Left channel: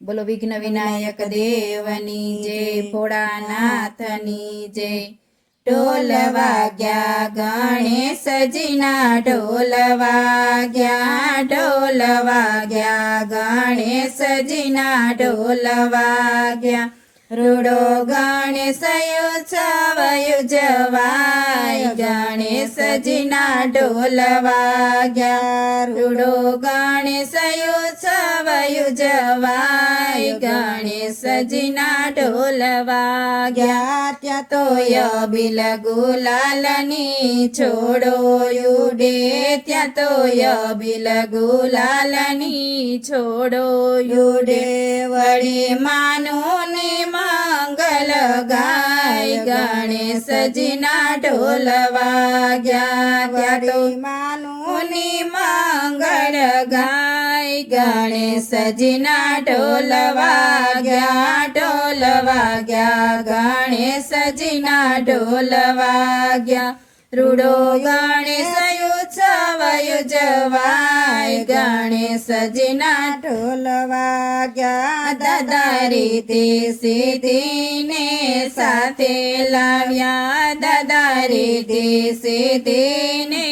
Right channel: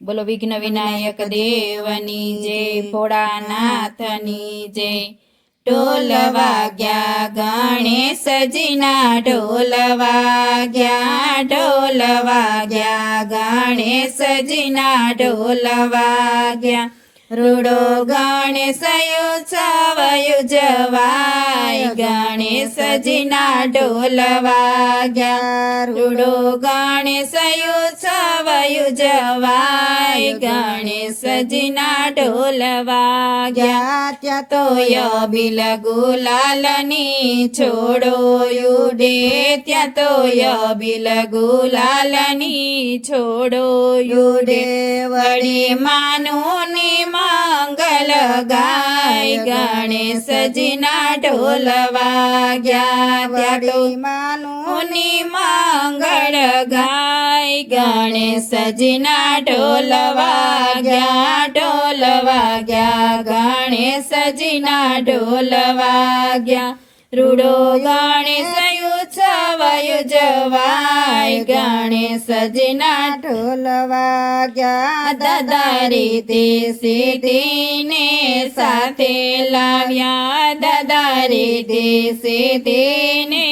બોલો વિઘ્ન વિનાયક દેવની જય, ભોળાનાથની જય। ઢોલ વાગ્યા ગણેશજીના, ઢોલ વાગ્યા, ઢોલ વાગ્યા ગણેશજીના, ઢોલ વાગ્યા। રૂડો ગણેશ ઉત્સવ ઉજવાય, ગણેશજીના ઢોલ વાગ્યા। રૂડો ગણેશ ઉત્સવ ઉજવાય, ગણેશજીના ઢોલ વાગ્યા। ત્યાં તો અબીલ ગુલાલની છોડો ઉડે, ત્યાં તો અબીલ ગુલાલની છોડો ઉડે। વળી માનું ને મંગલ ગાય, ગણેશજીના ઢોલ વાગ્યા। ત્યાં તો માનું ને મંગળ ગાય, ગણેશજીના ઢોલ વાગ્યા, ઢોલ વાગ્યા ગણેશજીના ઢોલ વાગ્યા। રૂડો ગણેશ ઉત્સવ ઉજવાય, ગણેશજીના ઢોલ વાગ્યા। દાદા રીતિ સિદ્ધિને સાથે લાવ્યા, દાદા રીતિ સિદ્ધિને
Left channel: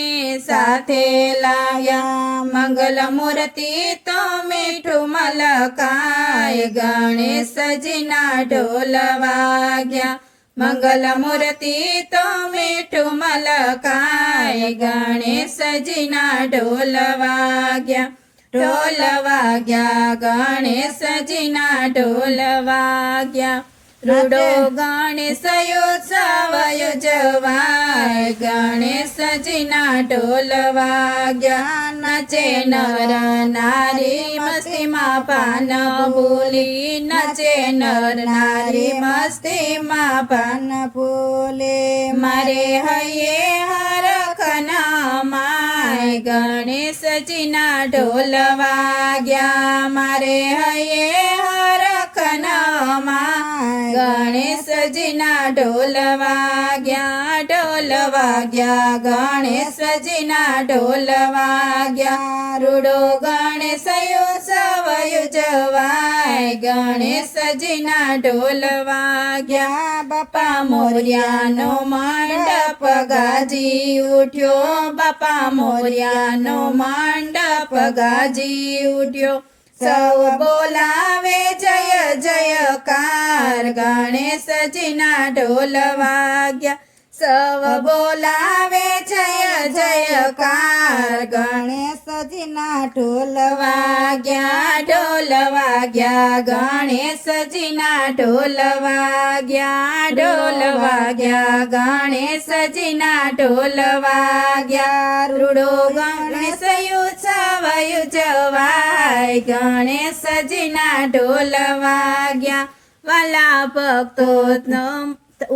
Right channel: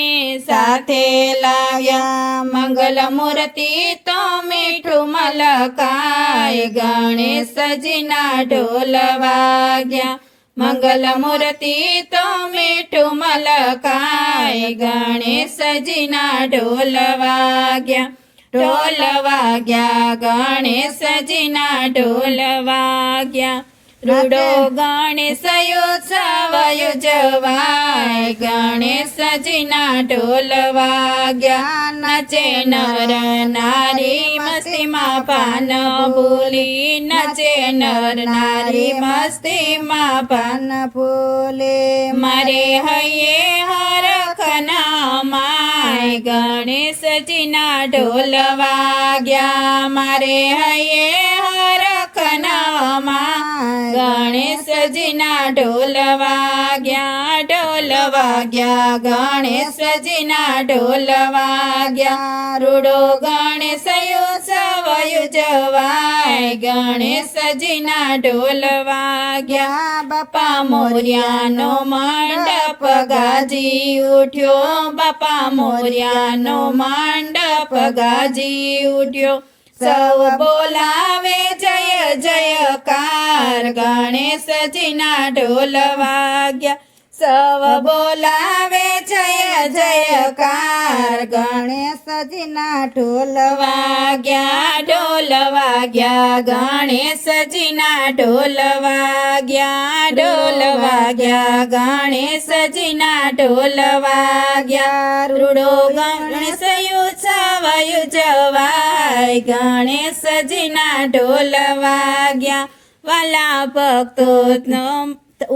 સાથે લાવ્યા। મંગલ મૂર્તિ તો મીઠું મલકાય, ગણેશજીના ઢોલ વાગ્યા। મંગલ મૂર્તિ તો મીઠું મલકાય, ગણેશજીના ઢોલ વાગ્યા, ઢોલ વાગ્યા ગણેશજીના ઢોલ વાગ્યા। રૂડો ગણેશ ઉત્સવ ઉજવાય, ગણેશજીના ઢોલ વાગ્યા। નાચે નર નારી મસ્તીમાં પાન ભૂલી, નાચે નર નારી મસ્તીમાં પાન ભૂલે। મારે હૈયે હરખના માય, ગણેશજીના ઢોલ વાગ્યા। મારે હૈયે હરખના માય, ગણેશજીના ઢોલ વાગ્યા, ઢોલ વાગ્યા ગણેશજીના ઢોલ વાગ્યા। રૂડો ગણેશ ઉત્સવ ઉજવાય, ગણેશજીના ઢોલ વાગ્યા। બાપા મોર્યાનો મંડપ ગાજી ઉઠ્યો, બાપા મોર્યાનો મંડપ ગાજી ઉઠ્યો। સૌ બોલાવે જય જયકાર, ગણેશજીના ઢોલ વાગ્યા। સૌ બોલાવે જય જયકાર, ગણેશજીના ઢોલ વાગ્યા, ઢોલ વાગ્યા ગણેશજીના ઢોલ વાગ્યા, ઢોલ વાગ્યા ગણેશજીના ઢોલ વાગ્યા। રૂડો ગણેશ ઉત્સવ ઉજવાય, ગણેશજીના ઢોલ વાગ્યા। વાલા ભક્તો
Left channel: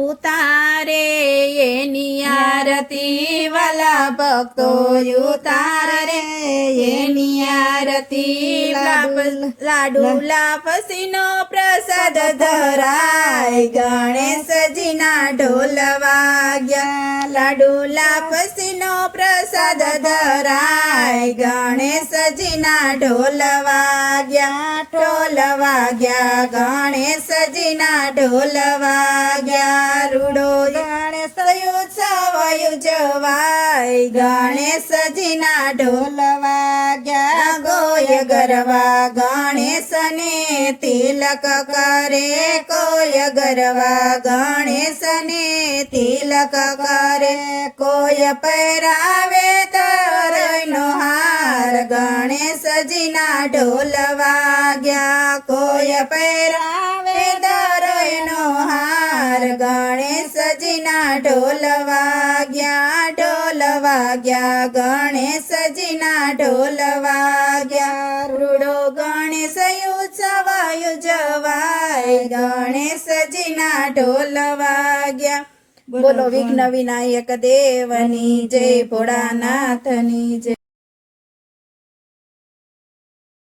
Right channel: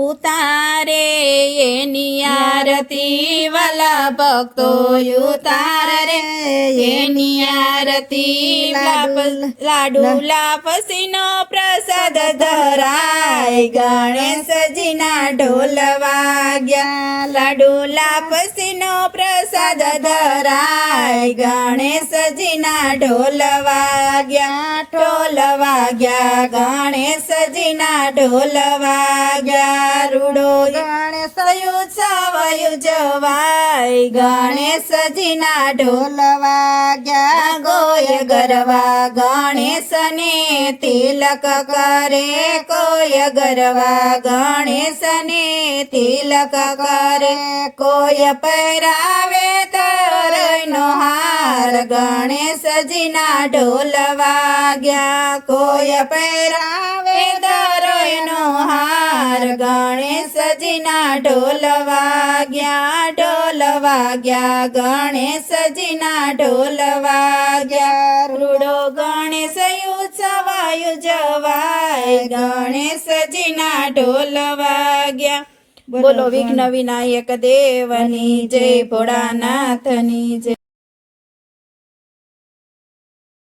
ઉતારે એની આરતી, વાલા ભક્તો ઉતારે એની આરતી। લાડુ લાપસીનો પ્રસાદ ધરાય, ગણેશજીના ઢોલ વાગ્યા। લાડુ લાપસીનો પ્રસાદ ધરાય, ગણેશજીના ઢોલ વાગ્યા, ઢોલ વાગ્યા ગણેશજીના ઢોલ વાગ્યા। રૂડો ગણેશ ઉત્સવ ઉજવાય, ગણેશજીના ઢોલ વાગ્યા। ગોય ગરવા ગણેશને તિલક કરે, કોઈ ગરવા ગણેશને તિલક કરે। કોઈ પહેરાવે તરઈનો હાર, ગણેશજીના ઢોલ વાગ્યા। કોઈ પહેરાવે તરઈનો હાર, ગણેશજીના ઢોલ વાગ્યા, ઢોલ વાગ્યા ગણેશજીના ઢોલ વાગ્યા। રૂડો ગણેશ ઉત્સવ ઉજવાય, ગણેશજીના ઢોલ વાગ્યા। બોલો વિઘ્ન વિનાયક દેવની જય, ભોળાનાથની જય।